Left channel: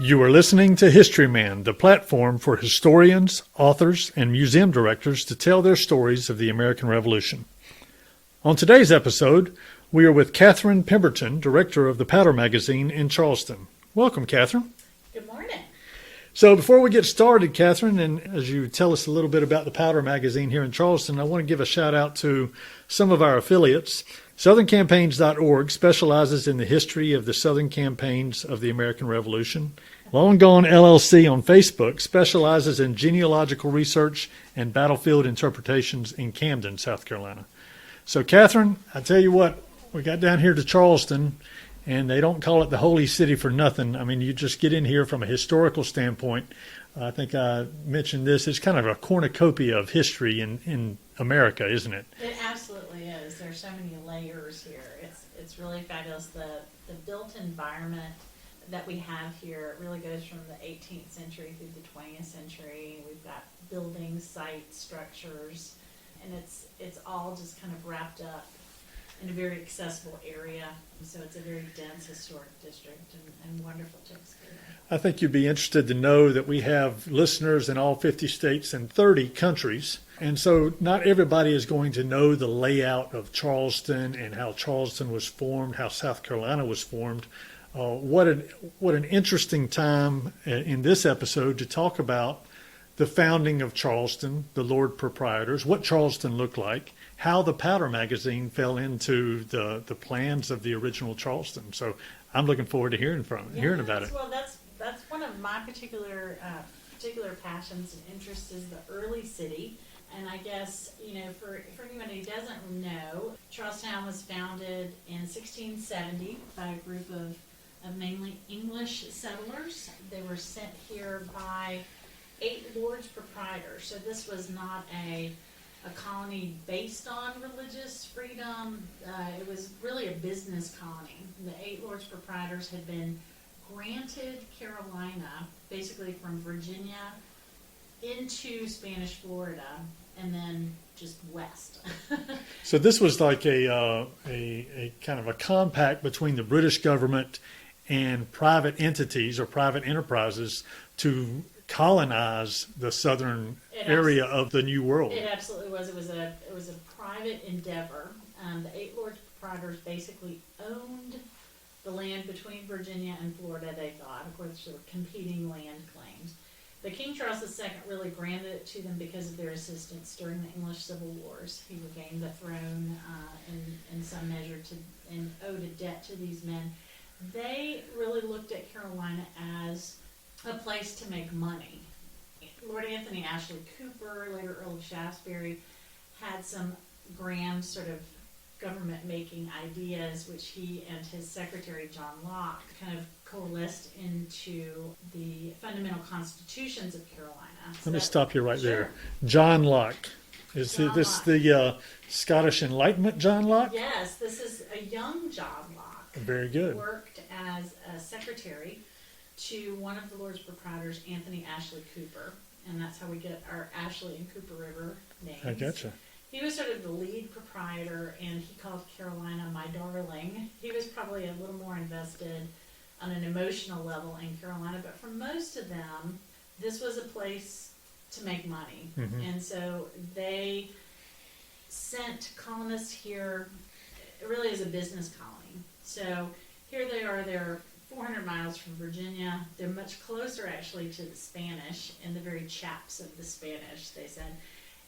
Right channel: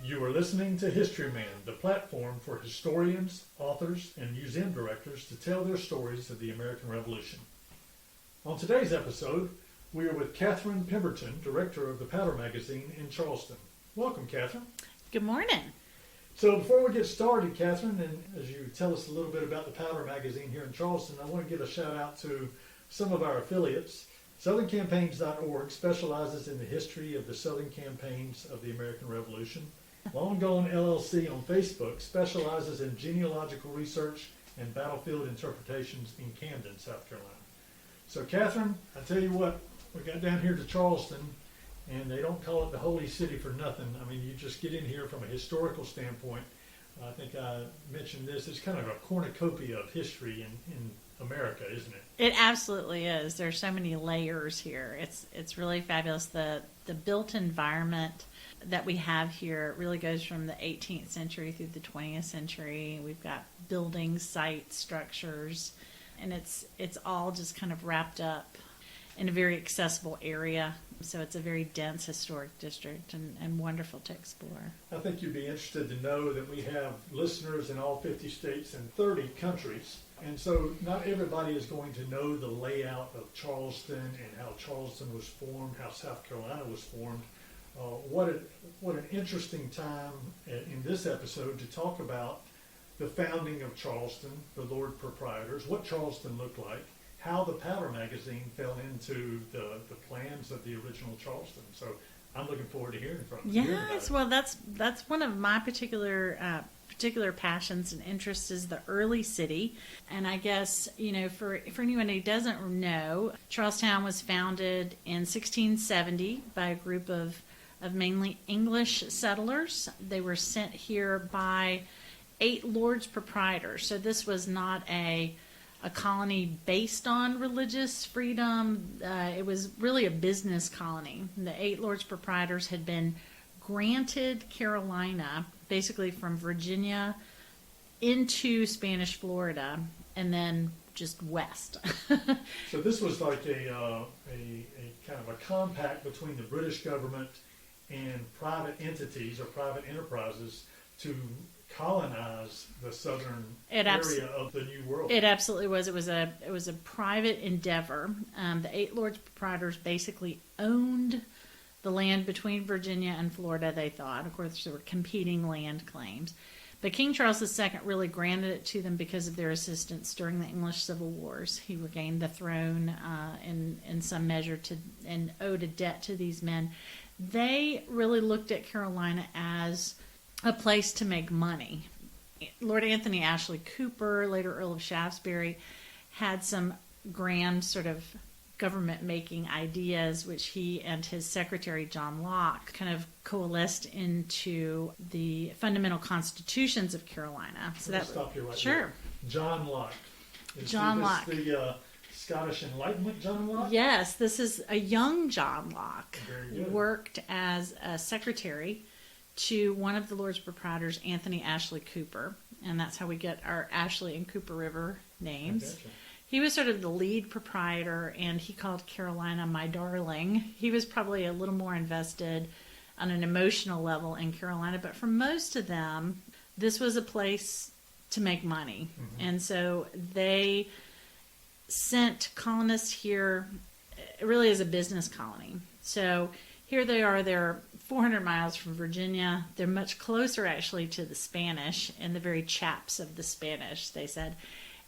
You are listening to Historyman, the platform for historians, authors, and museum directors to tell their stories of the American Revolution. On today's episode, we are with Katherine Pemberton, director of the Powder Magazine in Charleston. Welcome, Katherine. Good morning. So before we get started, Katherine, and as you tell us a little bit about the Powder Magazine here in Charleston, I want to give a shout out to some of our affiliates. SouthernCampaigns.org specializes in the history of the Southern campaigns of the American Revolution. Long Gone LLC on Facebook specializes in genealogical research and battlefield interpretations in Camden, South Carolina. So, Katherine, I tell you what, we got down here to Charleston, and they don't call it the Holy City for nothing. I mean, you just get in here from a historical standpoint. I think I mentioned this. It's kind of a cornucopia of history in America, isn't it? It absolutely is. There's so many layers here. It's really fabulous. The built environment that we have here really goes from the 18th century through the 20th century. We've got buildings, sites, structures, and it's all just kind of wrapped up in a very accessible area. So it's a very dense historic district and wonderful to explore. I think you'd be interested to know that we have listeners in all 50 states and 30 countries. And so not everybody is going to know the layout of Charleston and how Charleston was formed, how South Carolina was formed. What an interesting time in this episode to talk about the founding of Charleston, the Lord Proprietors, what Charleston looked like, how the Powder Magazine fell into the plans of the original Charleston. So I'm looking forward to hearing about it. Well, that's one of my particular passions and interests is the early city. And I guess, for anyone who doesn't know, Charlestown was founded in 1670 by a group of mainly English settlers. They were sent here by 8 Lords Proprietors. So this was not a colony based on religious freedom. It was really a business colony. The 8 Lords Proprietors had been granted Carolina, basically from Virginia into Spanish Florida, and then just west. So this was like a kind of a compact between the British government and private entities or private enterprises to colonize the southern area of the New World. It absolutely was. It was a private endeavor. The 8 Lords Proprietors basically owned the land between Virginia and Florida, they thought. Of course, there were competing land claims. But King Charles II really granted it to them because of their assistance during the English Civil Wars. He regained the throne in some measure and owed a debt to these men. They really looked at Carolina as a place to make money. Lord Anthony Ashley Cooper, later Earl of Shaftesbury, had some grand sort of government-making ideas, which he and his secretary, John Locke, kind of coalesced into the fundamental constitutions of Carolina. Let me stop you right sure. there. John Locke. Is this the Scottish Enlightenment John Locke? Yes, this is a young John Locke. Very good. He worked as a secretary to one of the Lords Proprietors, Anthony Ashley Cooper, and that's how we get our Ashley and Cooper River names. I gotcha. He was sort of the lead proprietor, and he called Carolina my darling. He was probably a little more invested on an emotional level in Carolina, but for most of them, this was a place to make money. Mm-hmm. And so they sent colonists here really as a business colony. So here they are, they're 400 miles from Virginia. They're much closer actually to the Spanish and the very chaps of the Spanish, they said.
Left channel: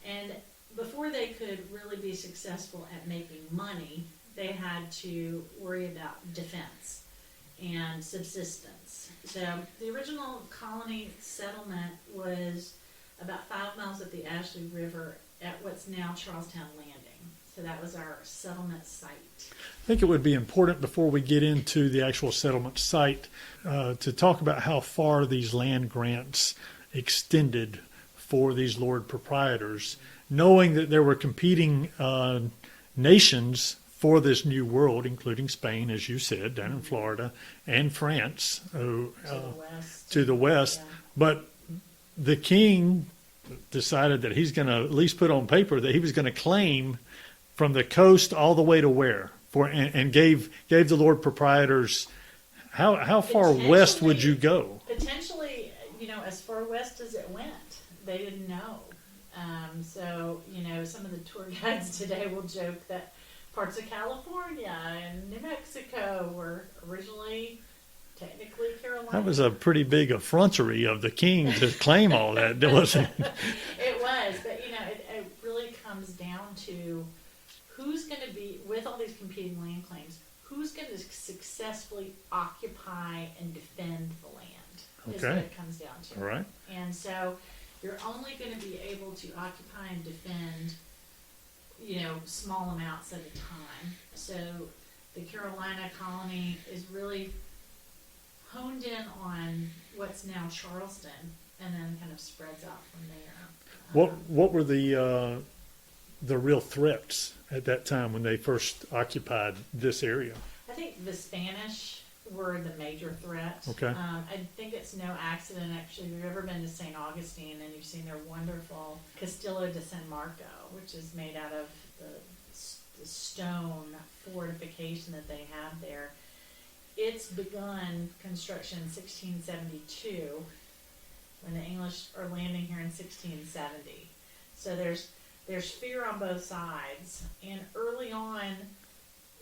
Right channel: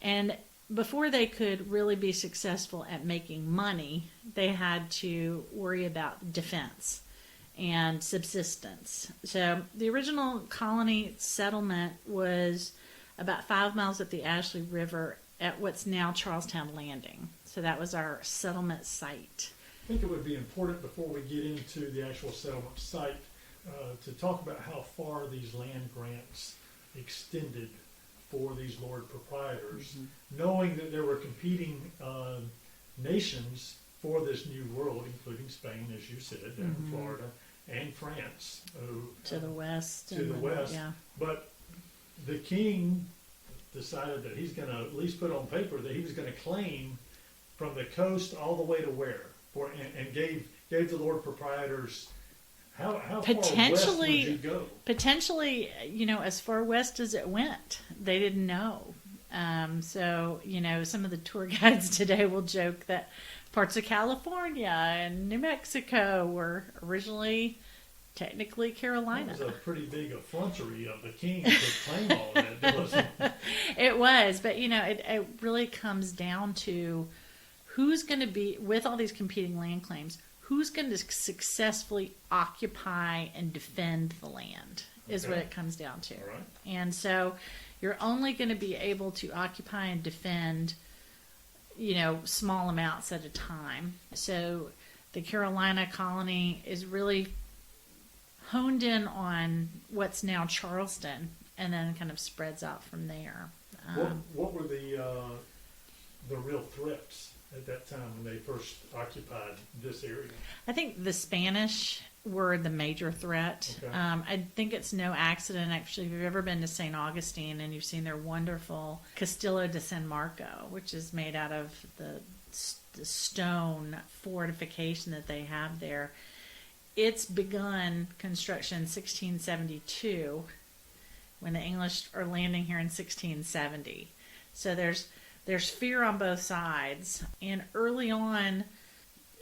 And before they could really be successful at making money, they had to worry about defense and subsistence. So the original colony settlement was about 5 miles up the Ashley River at what's now Charlestown Landing. So that was our settlement site. I think it would be important before we get into the actual settlement site to talk about how far these land grants extended for these Lord Proprietors, mm-hmm. knowing that there were competing nations for this new world, including Spain, as you said, down mm-hmm. in Florida, and France. To the west. Yeah. But the king decided that he's going to at least put on paper that he was going to claim from the coast all the way to where? and gave the Lord Proprietors. How far west would you go? Potentially, as far west as it went. They didn't know. So, some of the tour guides today will joke that parts of California and New Mexico were originally technically Carolina. That was a pretty big effrontery of the king to claim all that, wasn't it? It was, but it really comes down to who's going to be, with all these competing land claims, who's going to successfully occupy and defend the land is what it comes down to. All right. And so you're only going to be able to occupy and defend, small amounts at a time. So the Carolina colony is really honed in on what's now Charleston, and then kind of spreads out from there. What were the real threats at that time when they first occupied this area? I think the Spanish were the major threat. Okay. I think it's no accident, actually, if you've ever been to St. Augustine and you've seen their wonderful Castillo de San Marco, which is made out of the stone fortification that they have there. It's begun construction in 1672 when the English are landing here in 1670. So there's fear on both sides. And early on,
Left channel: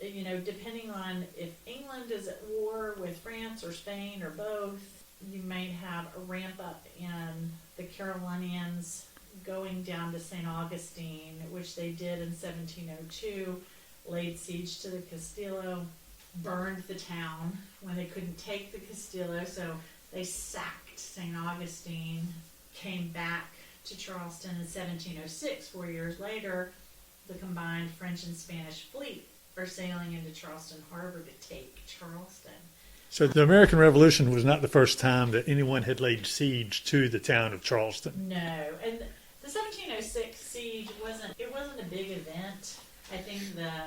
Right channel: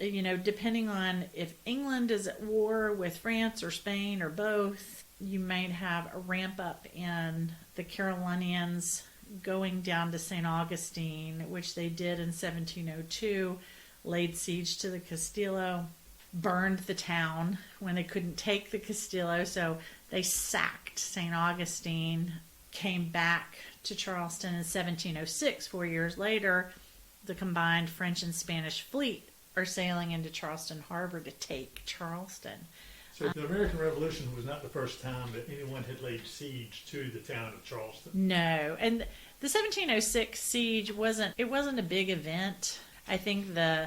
depending on if England is at war with France or Spain or both, you might have a ramp up in the Carolinians going down to St. Augustine, which they did in 1702, laid siege to the Castillo, burned the town when they couldn't take the Castillo, so they sacked St. Augustine, came back to Charleston in 1706. 4 years later, the combined French and Spanish fleet are sailing into Charleston Harbor to take Charleston. So the American Revolution was not the first time that anyone had laid siege to the town of Charleston. No, and the 1706 siege wasn't a big event. I think the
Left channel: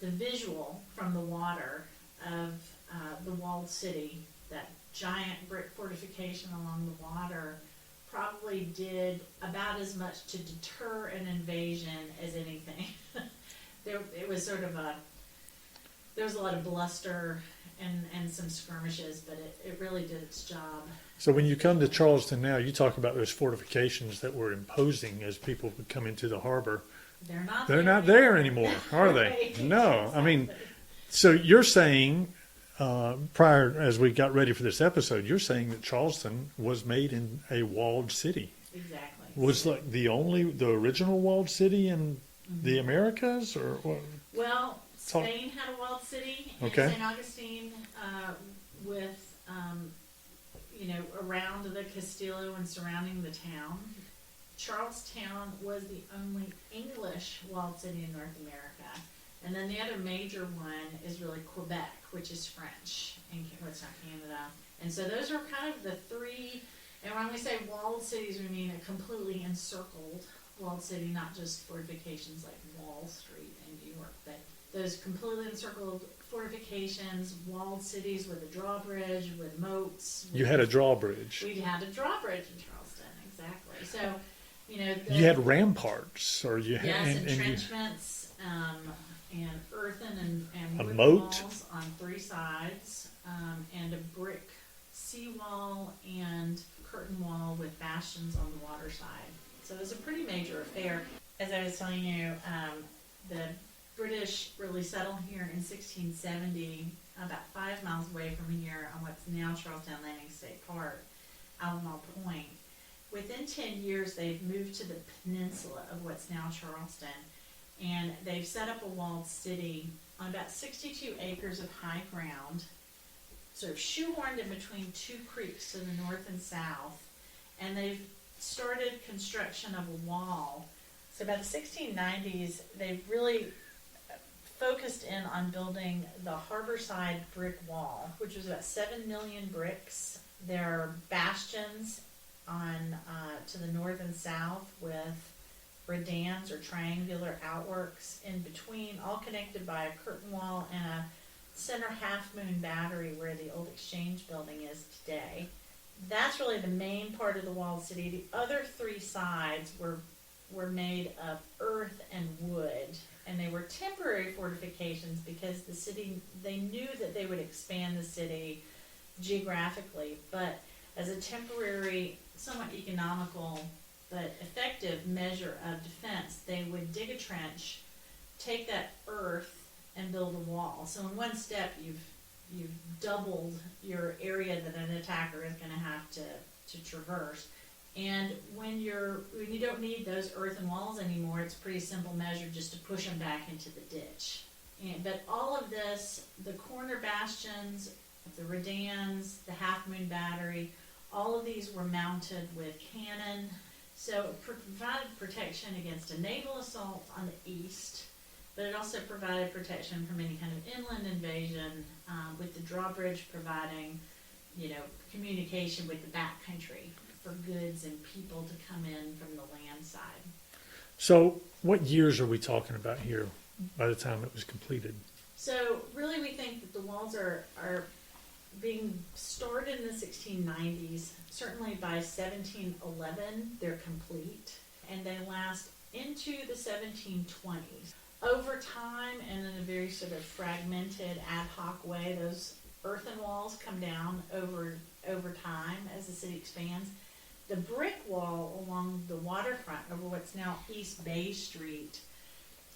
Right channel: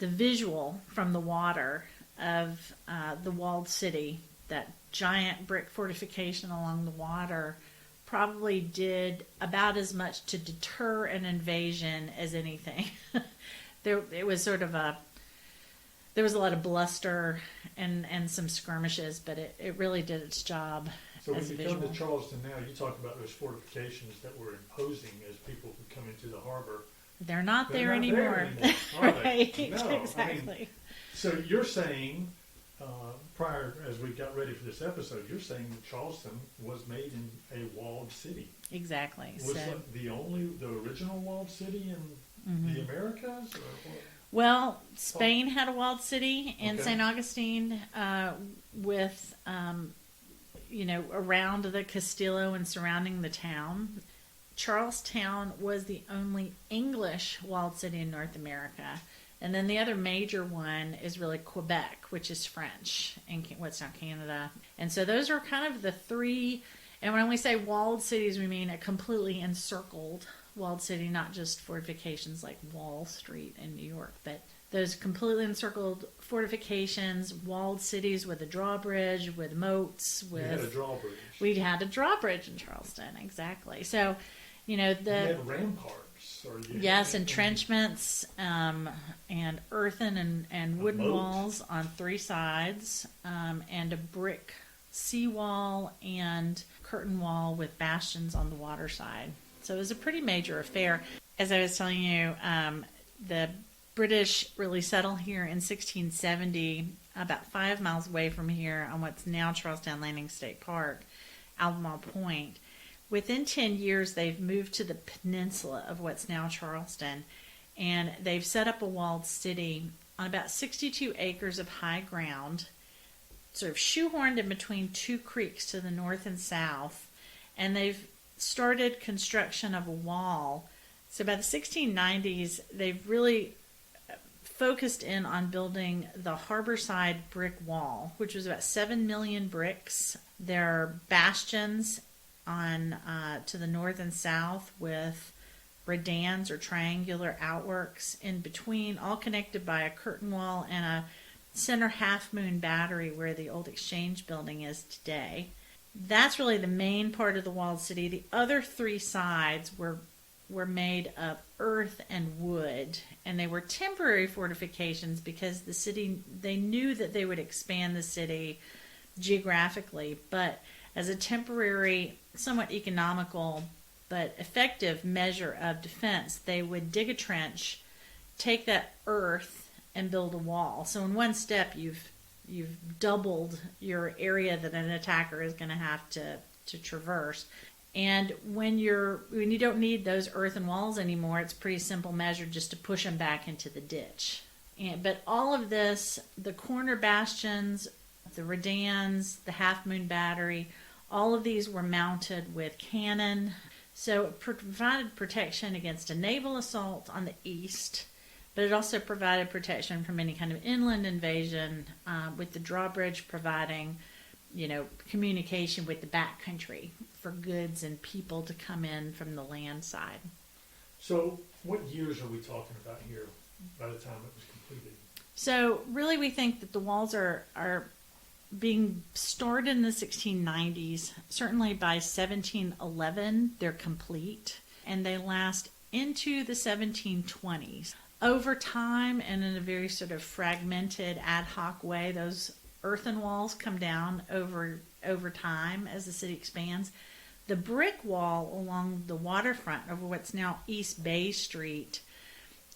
visual from the water of the walled city, that giant brick fortification along the water, probably did about as much to deter an invasion as anything. There was a lot of bluster and some skirmishes, but it really did its job. So when you come to Charleston now, you talk about those fortifications that were imposing as people would come into the harbor. They're not there anymore, are they? Right, No. exactly. I mean, so you're saying, prior, as we got ready for this episode, you're saying that Charleston was made in a walled city. Exactly. Was like the original walled city in the Americas, or what? Well, Spain had a walled city in St. Augustine with, around the Castillo and surrounding the town. Charlestown was the only English walled city in North America. And then the other major one is really Quebec, which is French, in what's now Canada. And so those are kind of the three. And when we say walled cities, we mean a completely encircled walled city, not just fortifications like Wall Street in New York, but those completely encircled fortifications, walled cities with a drawbridge, with moats. You had a drawbridge. We had a drawbridge in Charleston, exactly. So, you had ramparts, or you had had entrenchments and earthen and wooden walls on three sides, and a brick seawall and curtain wall with bastions on the water side. So it was a pretty major affair. As I was telling you, the British really settled here in 1670, about 5 miles away from here on what's now Charlestown Landing State Park, Albemarle Point. Within 10 years, they've moved to the peninsula of what's now Charleston, and they've set up a walled city on about 62 acres of high ground, sort of shoehorned in between two creeks to the north and south, and they've started construction of a wall. So by the 1690s, they've really focused in on building the harborside brick wall, which was about 7 million bricks. There are bastions on to the north and south with redans or triangular outworks in between, all connected by a curtain wall and a center half-moon battery where the old exchange building is today. That's really the main part of the walled city. The other three sides were made of earth and wood, and they were temporary fortifications because the city, they knew that they would expand the city geographically, but as a temporary, somewhat economical but effective measure of defense, they would dig a trench, take that earth, and build a wall. So in one step, you've doubled your area that an attacker is going to have to traverse. And when you don't need those earthen walls anymore, it's a pretty simple measure just to push them back into the ditch. But all of this, the corner bastions, the redans, the Half Moon Battery, all of these were mounted with cannon. So it provided protection against a naval assault on the east, but it also provided protection from any kind of inland invasion, with the drawbridge providing, communication with the backcountry for goods and people to come in from the land side. So what years are we talking about here by the time it was completed? So really we think that the walls are being started in the 1690s. Certainly by 1711 they're complete, and they last into the 1720s. Over time, and in a very sort of fragmented ad hoc way, those earthen walls come down over time as the city expands. The brick wall along the waterfront over what's now East Bay Street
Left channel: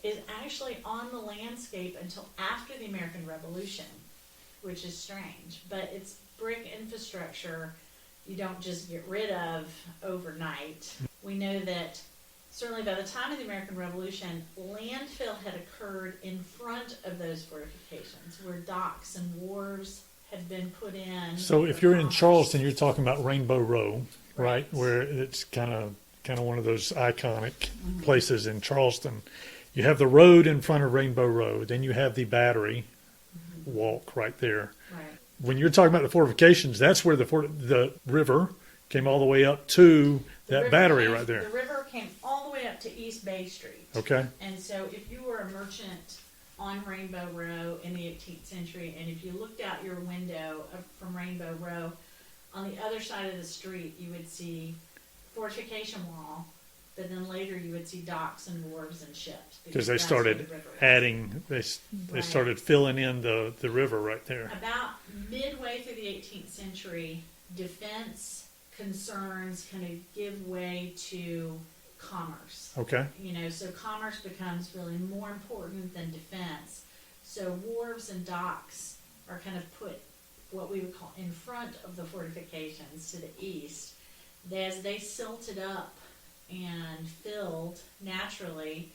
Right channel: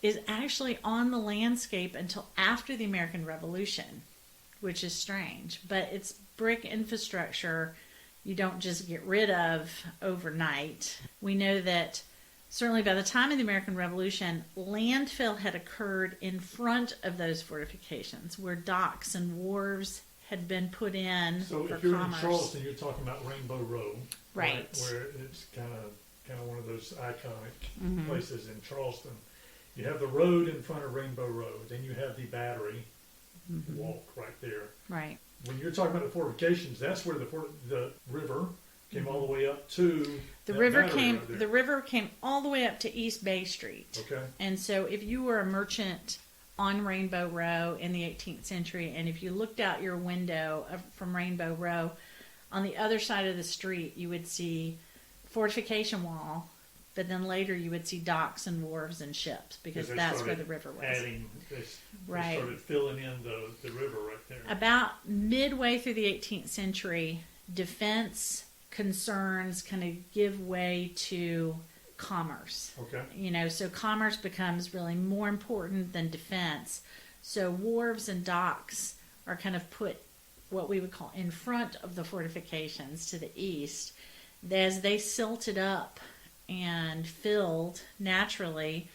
is actually on the landscape until after the American Revolution, which is strange. But it's brick infrastructure you don't just get rid of overnight. We know that certainly by the time of the American Revolution, landfill had occurred in front of those fortifications where docks and wharves had been put in. So if you're commerce. in Charleston, you're talking about Rainbow Row, right? Right. Where it's kind of one of those iconic places in Charleston. You have the road in front of Rainbow Row, then you have the Battery walk right there. Right. When you're talking about the fortifications, that's where the river came all the way up to that battery right there. The river came all the way up to East Bay Street. Okay. And so if you were a merchant on Rainbow Row in the 18th century, and if you looked out your window from Rainbow Row, on the other side of the street you would see fortification wall, but then later you would see docks and wharves and ships, because They that's started where the river was. adding, they Right. started filling in the river right there. About midway through the 18th century, defense concerns kind of give way to commerce. Okay. So commerce becomes really more important than defense. So wharves and docks are kind of put what we would call in front of the fortifications to the east. As they silted up and filled naturally,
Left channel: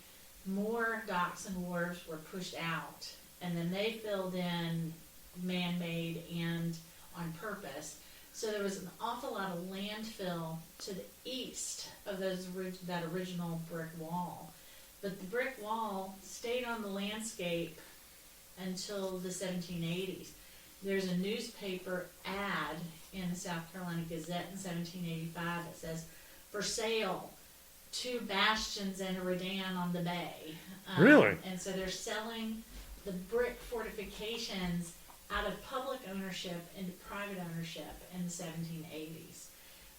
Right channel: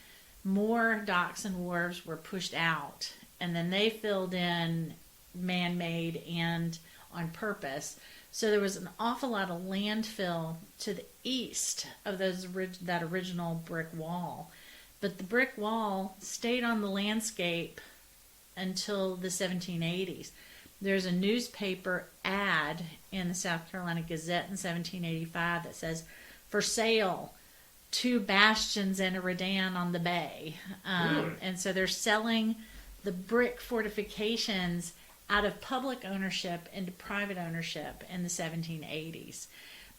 more docks and wharves were pushed out, and then they filled in man-made and on purpose. So there was an awful lot of landfill to the east of that original brick wall. But the brick wall stayed on the landscape until the 1780s. There's a newspaper ad in the South Carolina Gazette in 1785 that says, "For sale, 2 bastions and a redan on the bay." Really? And so they're selling the brick fortifications out of public ownership into private ownership in the 1780s.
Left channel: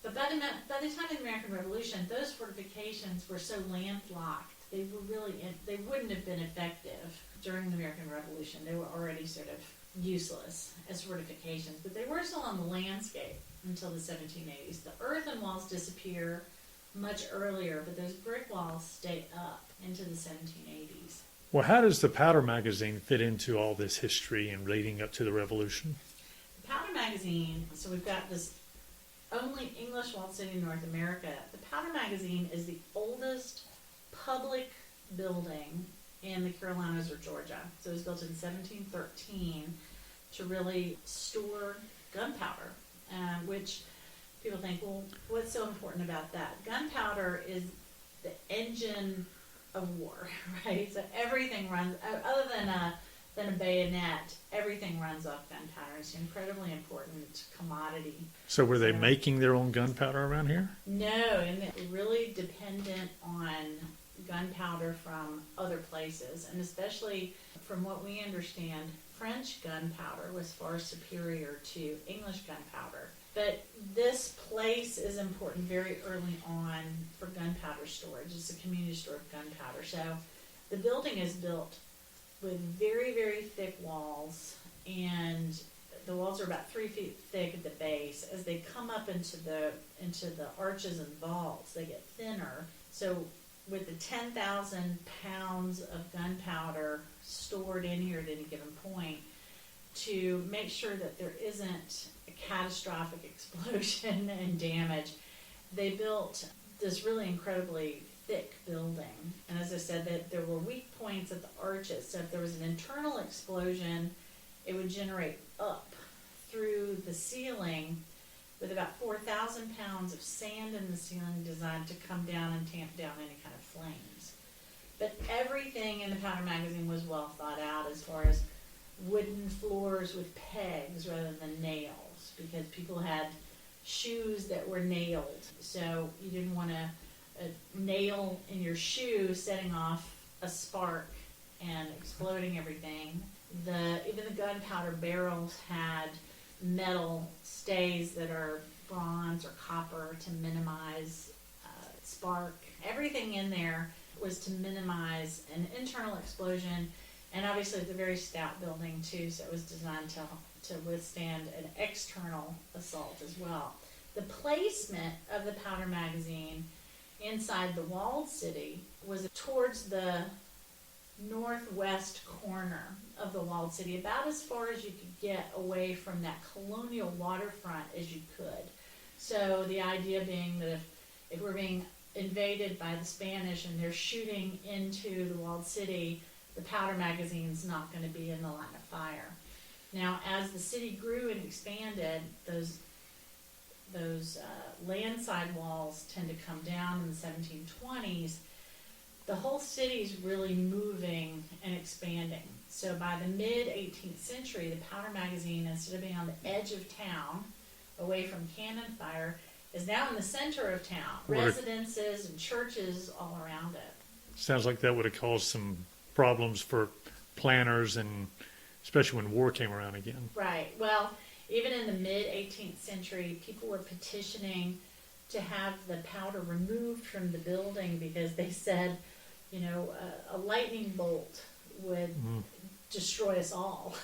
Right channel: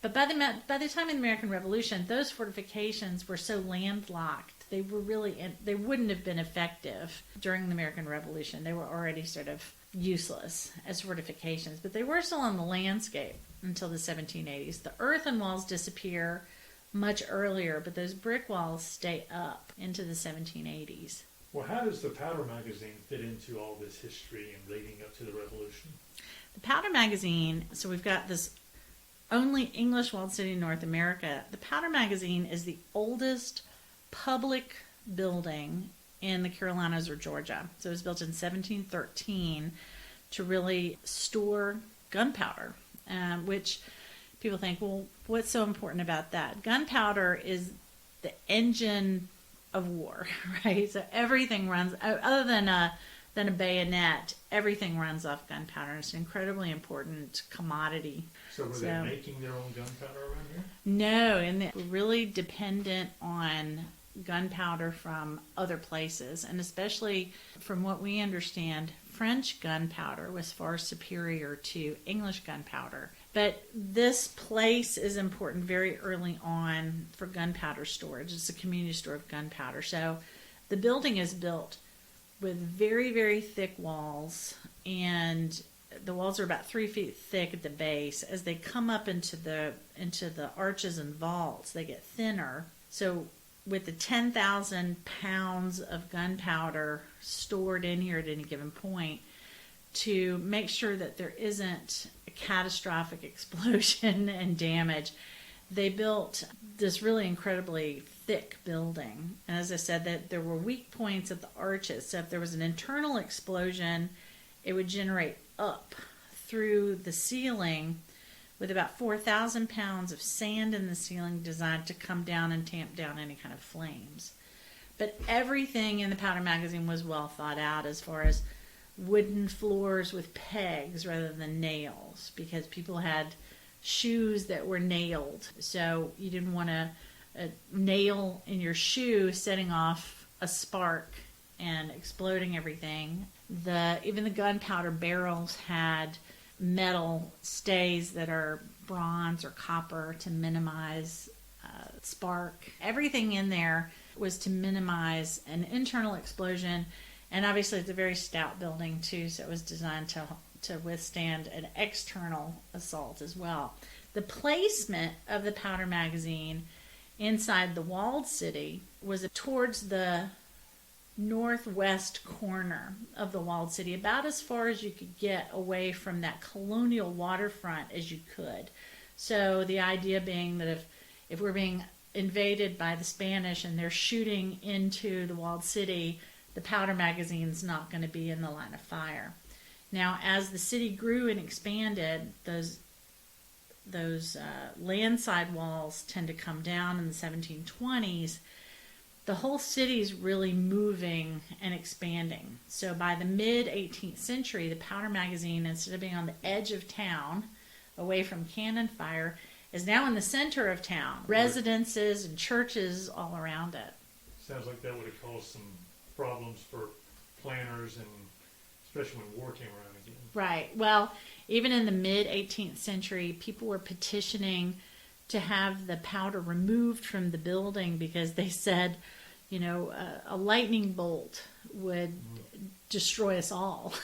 But by the time of the American Revolution, those fortifications were so landlocked, they wouldn't have been effective during the American Revolution. They were already sort of useless as fortifications, but they were still on the landscape until the 1780s. The earthen walls disappear much earlier, but those brick walls stay up into the 1780s. Well, how does the Powder Magazine fit into all this history and leading up to the Revolution? The Powder Magazine, so we've got this only English walled city in North America. The Powder Magazine is the oldest public building in the Carolinas or Georgia. So it was built in 1713 to really store gunpowder, which people think, well, what's so important about that? Gunpowder is the engine of war, right? So everything runs, other than a bayonet, everything runs off gunpowder. It's an incredibly important commodity. So were they making their own gunpowder around here? No, and they're really dependent on gunpowder from other places, and especially from what we understand, French gunpowder was far superior to English gunpowder. But this place is important very early on for gunpowder storage. It's a community store of gunpowder. So The building is built with very, very thick walls, and the walls are about 3 feet thick at the base. As they come up into the arches and vaults, they get thinner. So with the 10,000 pounds of gunpowder stored in here at any given point, to make sure that there isn't a catastrophic explosion and damage, they built this really incredibly thick building. And as I said, that there were weak points at the arches. So if there was an internal explosion, it would generate up through the ceiling with about 4,000 pounds of sand in the ceiling designed to come down and tamp down any kind of flames. But everything in the powder magazine was well thought out, as far as wooden floors with pegs rather than nails, because people had shoes that were nailed. So you didn't want a nail in your shoe setting off a spark and exploding everything. Even the gunpowder barrels had metal stays that are bronze or copper to minimize spark. Everything in there was to minimize an internal explosion, and obviously it's a very stout building too, so it was designed to withstand an external assault as well. The placement of the powder magazine inside the walled city was towards the northwest corner of the walled city, about as far as you could get away from that colonial waterfront as you could. So the idea being that if we're being invaded by the Spanish and they're shooting into the walled city, the powder magazine's not going to be in the line of fire. Now, as the city grew and expanded, those landside walls tend to come down in the 1720s. The whole city's really moving and expanding. So by the mid-18th century, the powder magazine, instead of being on the edge of town, away from cannon fire, is now in the center of town. Residences and churches all around it. Sounds like that would have caused some problems for planners, and especially when war came around again. Right. Well, even in the mid-18th century, people were petitioning to have the powder removed from the building because they said, a lightning bolt would destroy us all,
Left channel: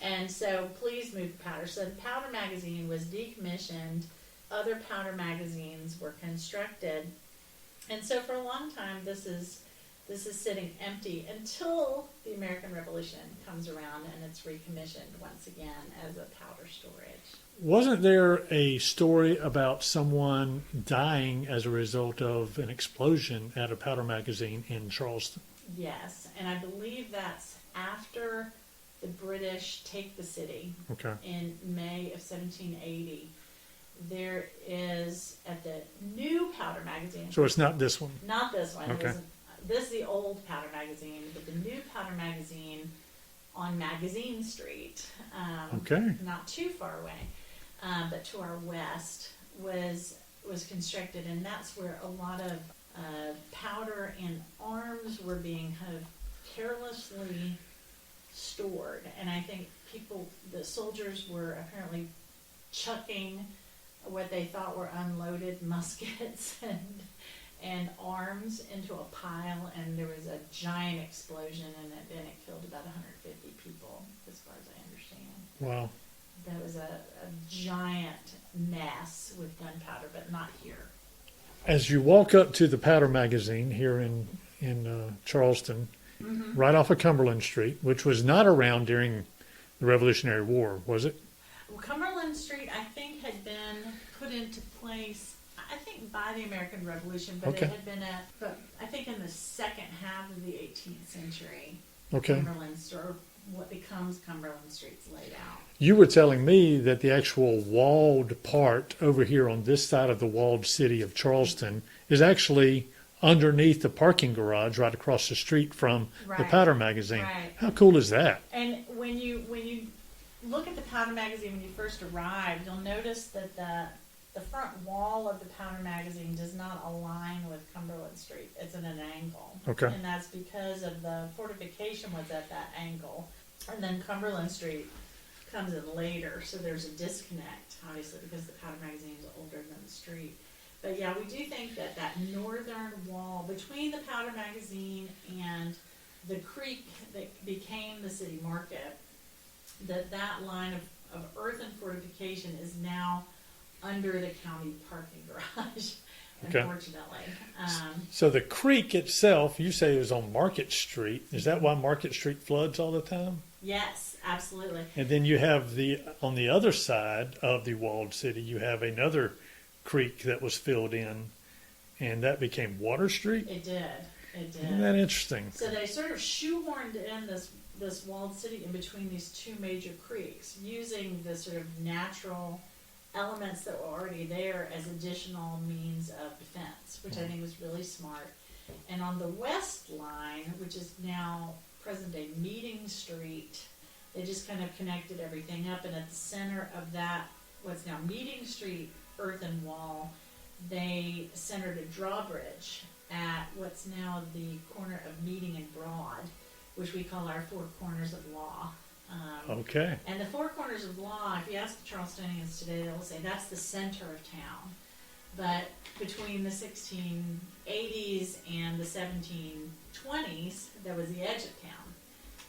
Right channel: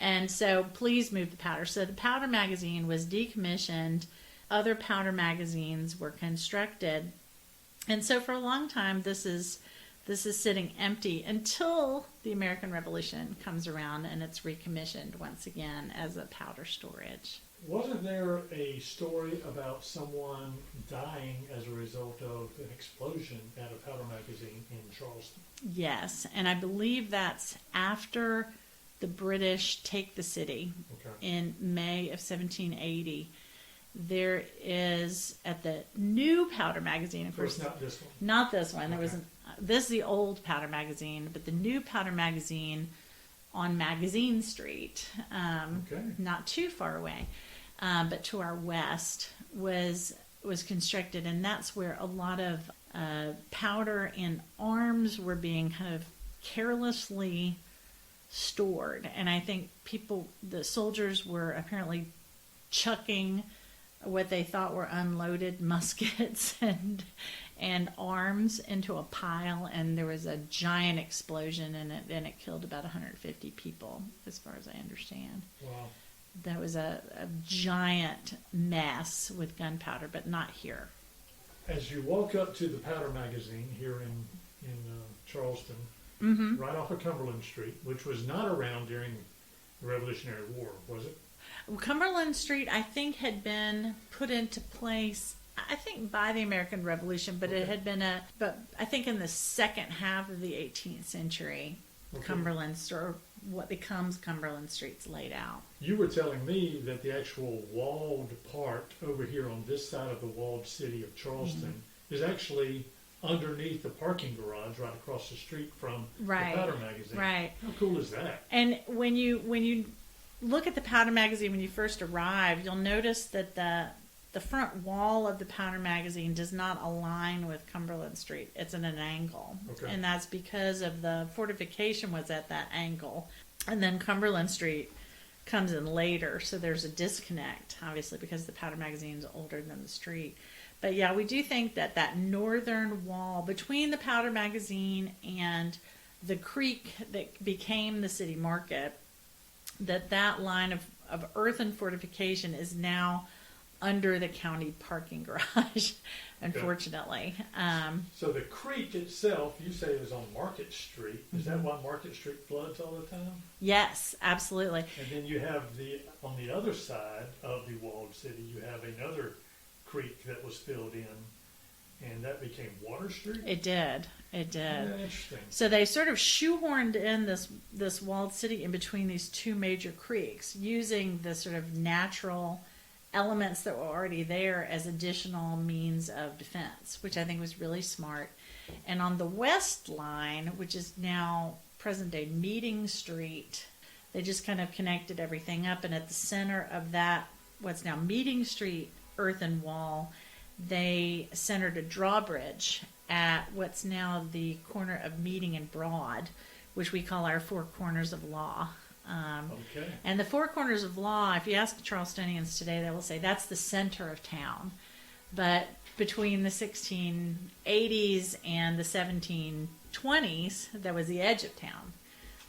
And so please move the powder. So the powder magazine was decommissioned. Other powder magazines were constructed. And so for a long time, this is sitting empty until the American Revolution comes around and it's recommissioned once again as a powder storage. Wasn't there a story about someone dying as a result of an explosion at a powder magazine in Charleston? Yes, and I believe that's after the British take the city in May of 1780. There is, at the new powder magazine. So it's not this one? Not this one. Okay. This is the old powder magazine, but the new powder magazine on Magazine Street, not too far away, but to our west, was constructed, and that's where a lot of powder and arms were being kind of carelessly stored. And I think the soldiers were apparently chucking what they thought were unloaded muskets and arms into a pile, and there was a giant explosion in it, and it killed about 150 people, as far as I understand. Wow. That was a giant mess with gunpowder, but not here. As you walk up to the powder magazine here in Charleston, right off of Cumberland Street, which was not around during the Revolutionary War, was it? Cumberland Street, I think, had been put into place, I think, by the American Revolution, but it had been but I think in the second half of the 18th century, Cumberland, or what becomes Cumberland Street's laid out. You were telling me that the actual walled part over here on this side of the walled city of Charleston is actually underneath the parking garage right across the street from the powder magazine. Right. How cool is that? And when you look at the powder magazine when you first arrive, you'll notice that the front wall of the powder magazine does not align with Cumberland Street. It's at an angle. Okay. And that's because of the fortification was at that angle. And then Cumberland Street comes in later, so there's a disconnect, obviously, because the powder magazine is older than the street. But yeah, we do think that that northern wall between the Powder Magazine and the creek that became the city market, that line of earthen fortification is now under the county parking garage, unfortunately. So the creek itself, you say it was on Market Street. Is that why Market Street floods all the time? Yes, absolutely. And then you have on the other side of the walled city, you have another creek that was filled in, and that became Water Street? It did. It did. Isn't that interesting? So they sort of shoehorned in this walled city in between these two major creeks, using the sort of natural elements that were already there as additional means of defense, which I think was really smart. And on the west line, which is now present day Meeting Street, they just kind of connected everything up, and at the center of that, what's now Meeting Street earthen wall, they centered a drawbridge at what's now the corner of Meeting and Broad, which we call our Four Corners of Law. Okay. And the Four Corners of Law, if you ask the Charlestonians today, they will say that's the center of town. But between the 1680s and the 1720s, that was the edge of town.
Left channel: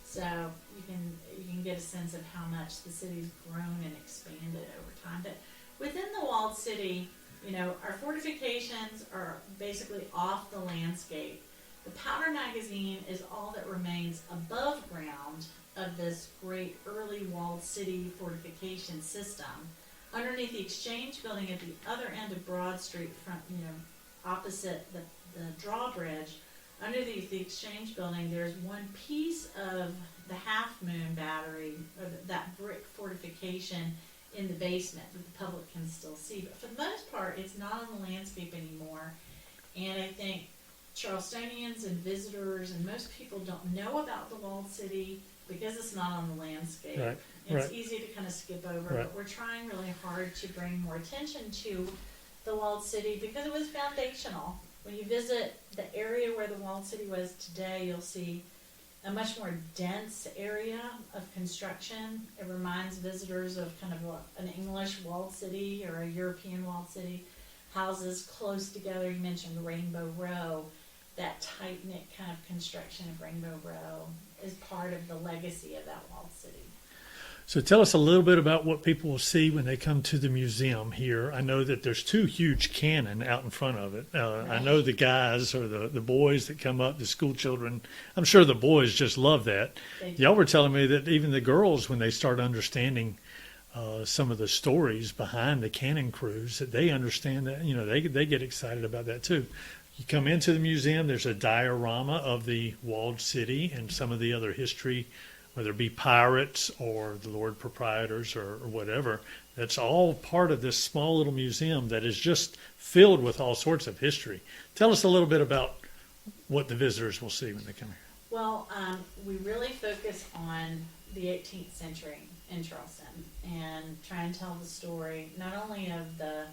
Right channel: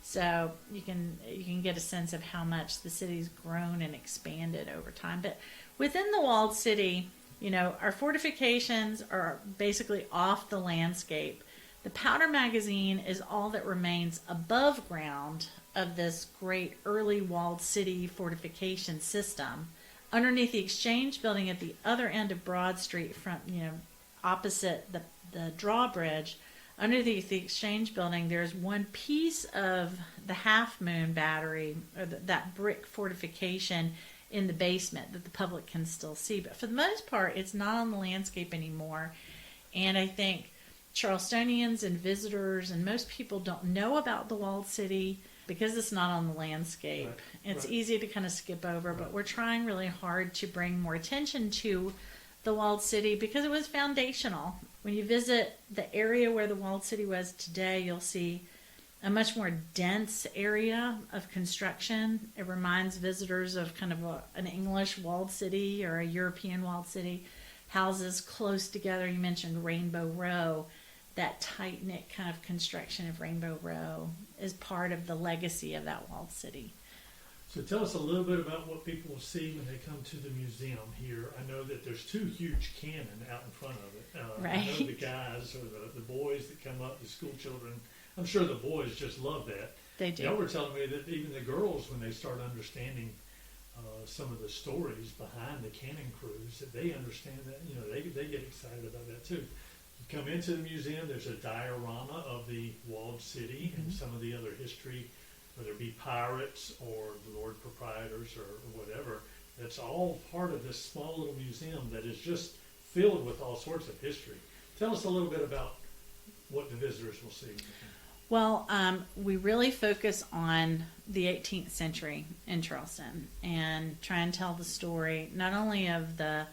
So you can get a sense of how much the city's grown and expanded over time. But within the walled city, you know, our fortifications are basically off the landscape. The Powder Magazine is all that remains above ground of this great early walled city fortification system. Underneath the Exchange Building at the other end of Broad Street, opposite the drawbridge, underneath the Exchange Building, there's one piece of the Half Moon Battery, or that brick fortification in the basement that the public can still see. But for the most part, it's not on the landscape anymore. And I think Charlestonians and visitors and most people don't know about the walled city because it's not on the landscape. Right. It's Right. easy to kind of skip over, Right. but we're trying really hard to bring more attention to the walled city because it was foundational. When you visit the area where the walled city was today, you'll see a much more dense area of construction. It reminds visitors of kind of an English walled city or a European walled city. Houses close together. You mentioned Rainbow Row. That tight-knit kind of construction of Rainbow Row is part of the legacy of that walled city. So tell us a little bit about what people will see when they come to the museum here. I know that there's two huge cannon out in front of it. I know the guys or the boys that come up, the school children, I'm sure the boys just love that. They do. Y'all were telling me that even the girls, when they start understanding some of the stories behind the cannon crews, that they understand that, you know, they get excited about that too. You come into the museum, there's a diorama of the walled city and some of the other history, whether it be pirates or the Lord Proprietors or whatever. That's all part of this small little museum that is just filled with all sorts of history. Tell us a little bit about what the visitors will see when they come. Well, we really focus on the 18th century in Charleston and try and tell the story not only of the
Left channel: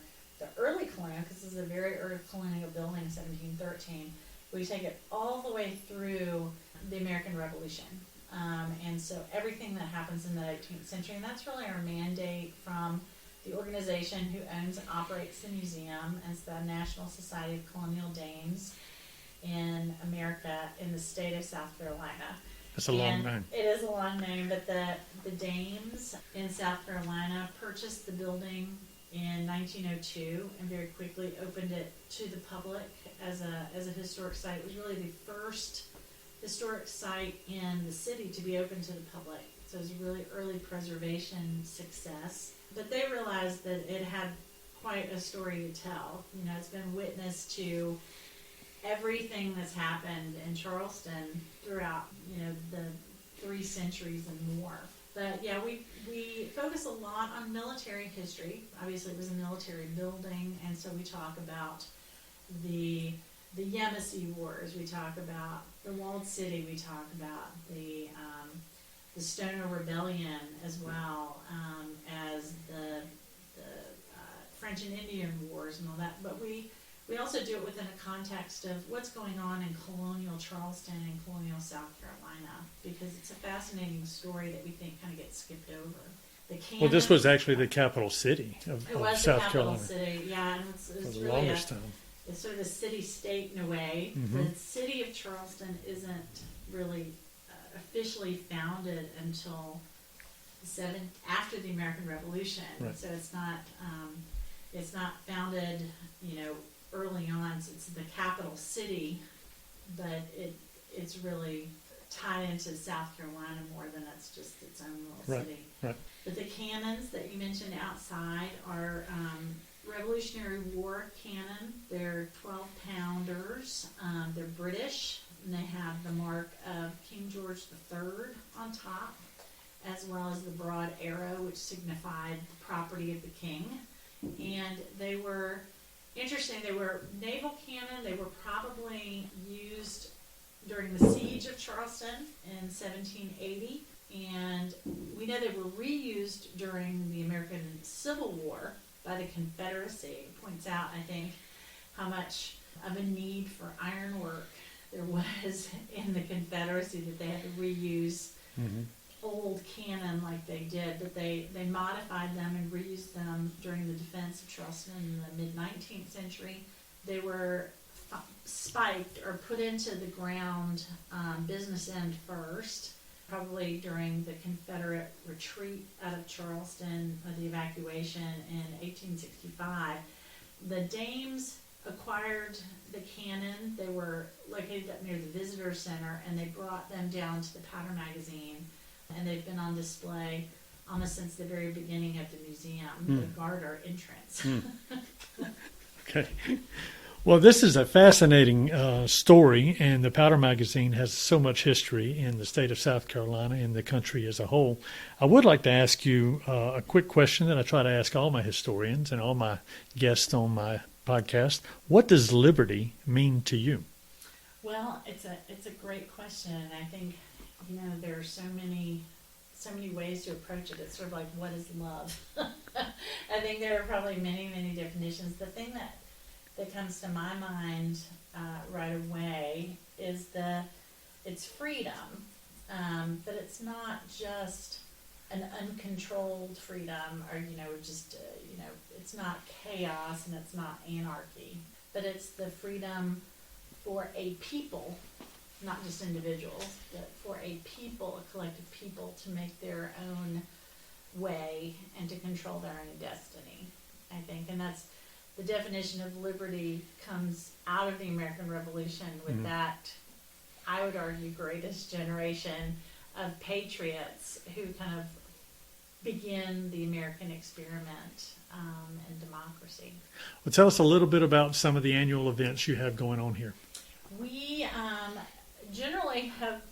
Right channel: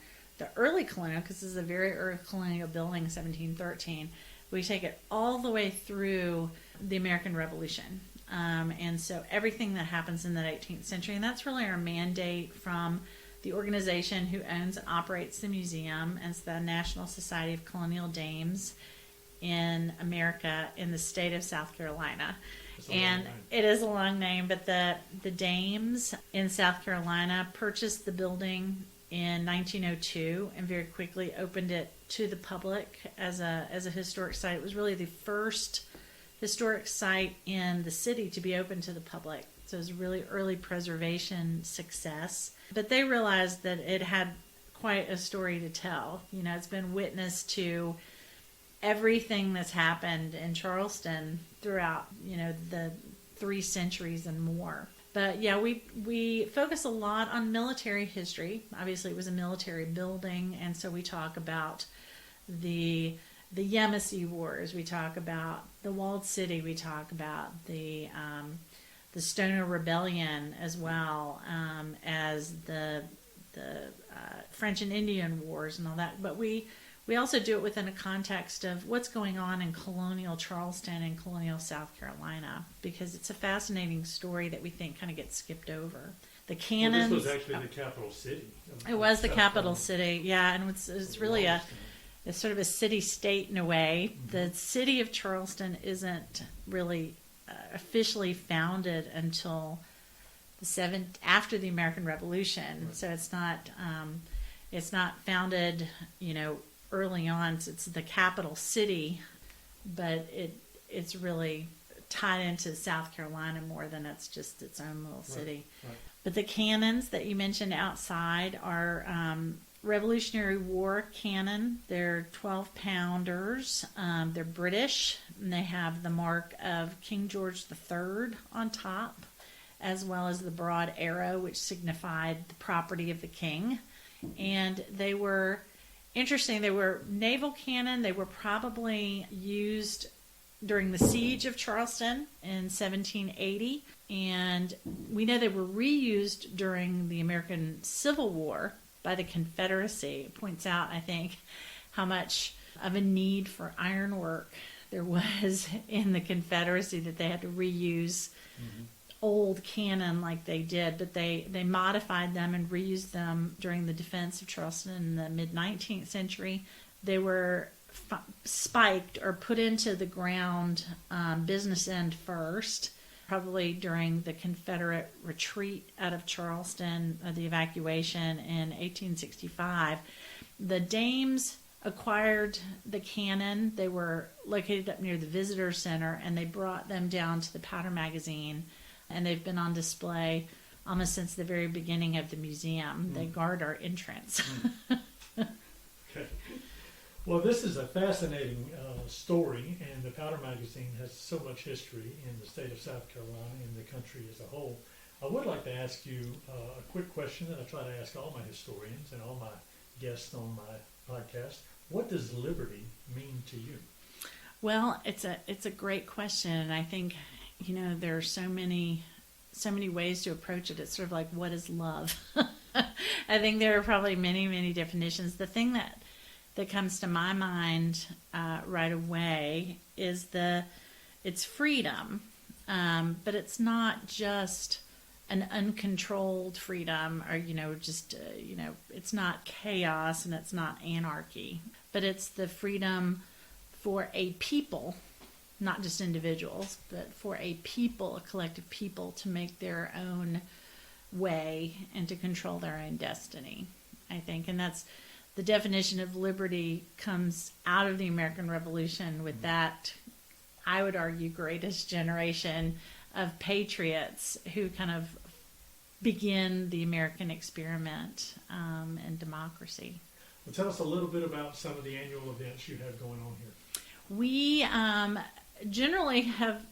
early colonial, because this is a very early colonial building, 1713. We take it all the way through the American Revolution. And so everything that happens in the 18th century, and that's really our mandate from the organization who owns and operates the museum, and it's the National Society of Colonial Dames in America in the state of South Carolina. That's a long name. It is a long name, but the Dames in South Carolina purchased the building in 1902 and very quickly opened it to the public as a historic site. It was really the first historic site in the city to be open to the public. So it was a really early preservation success. But they realized that it had quite a story to tell. You know, it's been witness to everything that's happened in Charleston throughout, you know, the 3 centuries and more. But yeah, we focus a lot on military history. Obviously, it was a military building, and so we talk about the Yamasee Wars. We talk about the walled city. We talk about the Stoner Rebellion as well as the French and Indian Wars and all that. But we also do it within a context of what's going on in colonial Charleston and colonial South Carolina, because it's a fascinating story that we think kind of gets skipped over. The cannons. Well, this was actually the capital city of It was the South capital Carolina city, yeah, and it's for the really longest time. it's sort of a city-state in a way. Mhm. The city of Charleston isn't really officially founded until after the American Revolution. Right. So it's not founded, early on. So it's the capital city, but it's really tied into South Carolina more than it's just its own little Right, city. right. But the cannons that you mentioned outside are Revolutionary War cannon. They're 12-pounders. They're British, and they have the mark of King George III on top, as well as the broad arrow, which signified the property of the king. And they were interesting. They were naval cannon. They were probably used during the siege of Charleston in 1780. And we know they were reused during the American Civil War by the Confederacy. It points out, I think, how much of a need for ironwork there was in the Confederacy that they had to reuse old cannon like they did, but they modified them and reused them during the defense of Charleston in the mid-19th century. They were spiked or put into the ground business end first, probably during the Confederate retreat out of Charleston, the evacuation in 1865. The Dames acquired the cannon. They were located up near the Visitor Center, and they brought them down to the Powder Magazine, and they've been on display almost since the very beginning of the museum. They guard our entrance. Okay. Well, this is a fascinating story, and the Powder Magazine has so much history in the state of South Carolina and the country as a whole. I would like to ask you a quick question that I try to ask all my historians and all my guests on my podcast. What does liberty mean to you? Well, it's a great question, and I think there are so many ways to approach it. It's sort of like, what is love? I think there are probably many definitions. The thing that comes to my mind right away is it's freedom, but it's not just an uncontrolled freedom, or it's not chaos and it's not anarchy, but it's the freedom for a people, not just individuals, but for a people, a collective people, to make their own way and to control their own destiny, I think. And that's the definition of liberty comes out of the American Revolution with that, I would argue, greatest generation of patriots who kind of begin the American experiment and democracy. Well, tell us a little bit about some of the annual events you have going on here. We generally have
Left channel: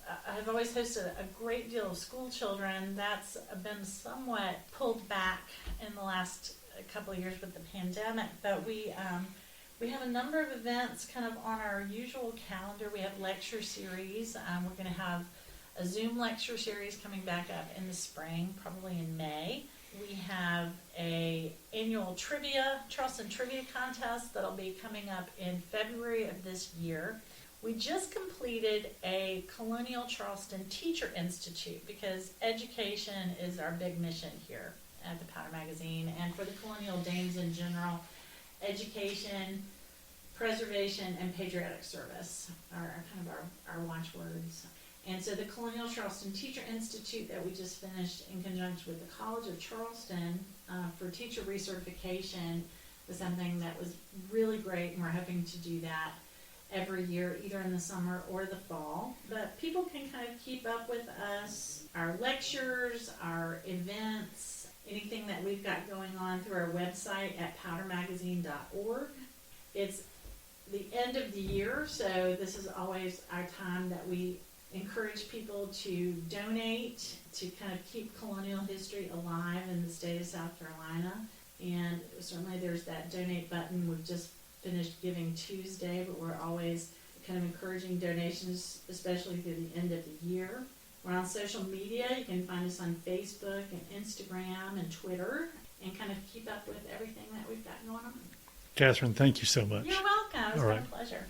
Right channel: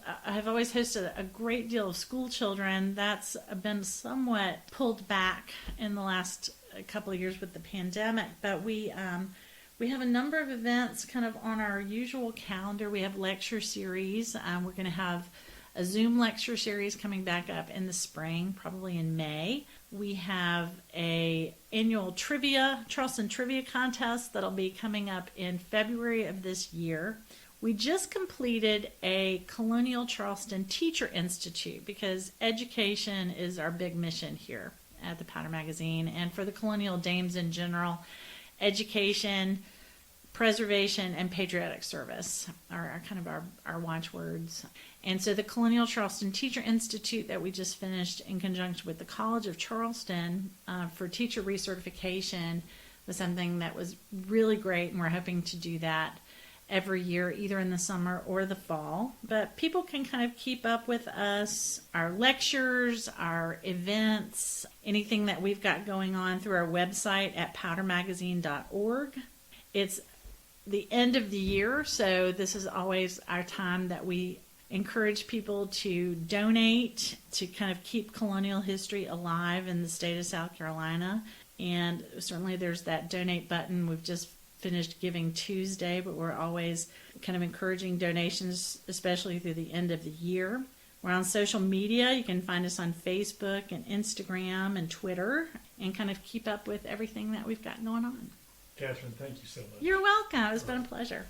always hosted a great deal of school children. That's been somewhat pulled back in the last couple of years with the pandemic, but we have a number of events kind of on our usual calendar. We have lecture series. We're going to have a Zoom lecture series coming back up in the spring, probably in May. We have a annual Charleston trivia contest that'll be coming up in February of this year. We just completed a Colonial Charleston Teacher Institute, because education is our big mission here at the Powder Magazine, and for the Colonial Dames in general. Education, preservation, and patriotic service are kind of our watchwords. And so the Colonial Charleston Teacher Institute that we just finished in conjunction with the College of Charleston for teacher recertification was something that was really great, and we're hoping to do that every year, either in the summer or the fall. But people can kind of keep up with us, our lectures, our events, anything that we've got going on through our website at powdermagazine.org. It's the end of the year, so this is always our time that we encourage people to donate to kind of keep colonial history alive in the state of South Carolina. And certainly there's that donate button. We've just finished Giving Tuesday, but we're always kind of encouraging donations, especially through the end of the year. We're on social media. You can find us on Facebook and Instagram and Twitter, and kind of keep up with everything that we've got going on. Katherine, thank you so much. You're welcome. It's All been right. a pleasure.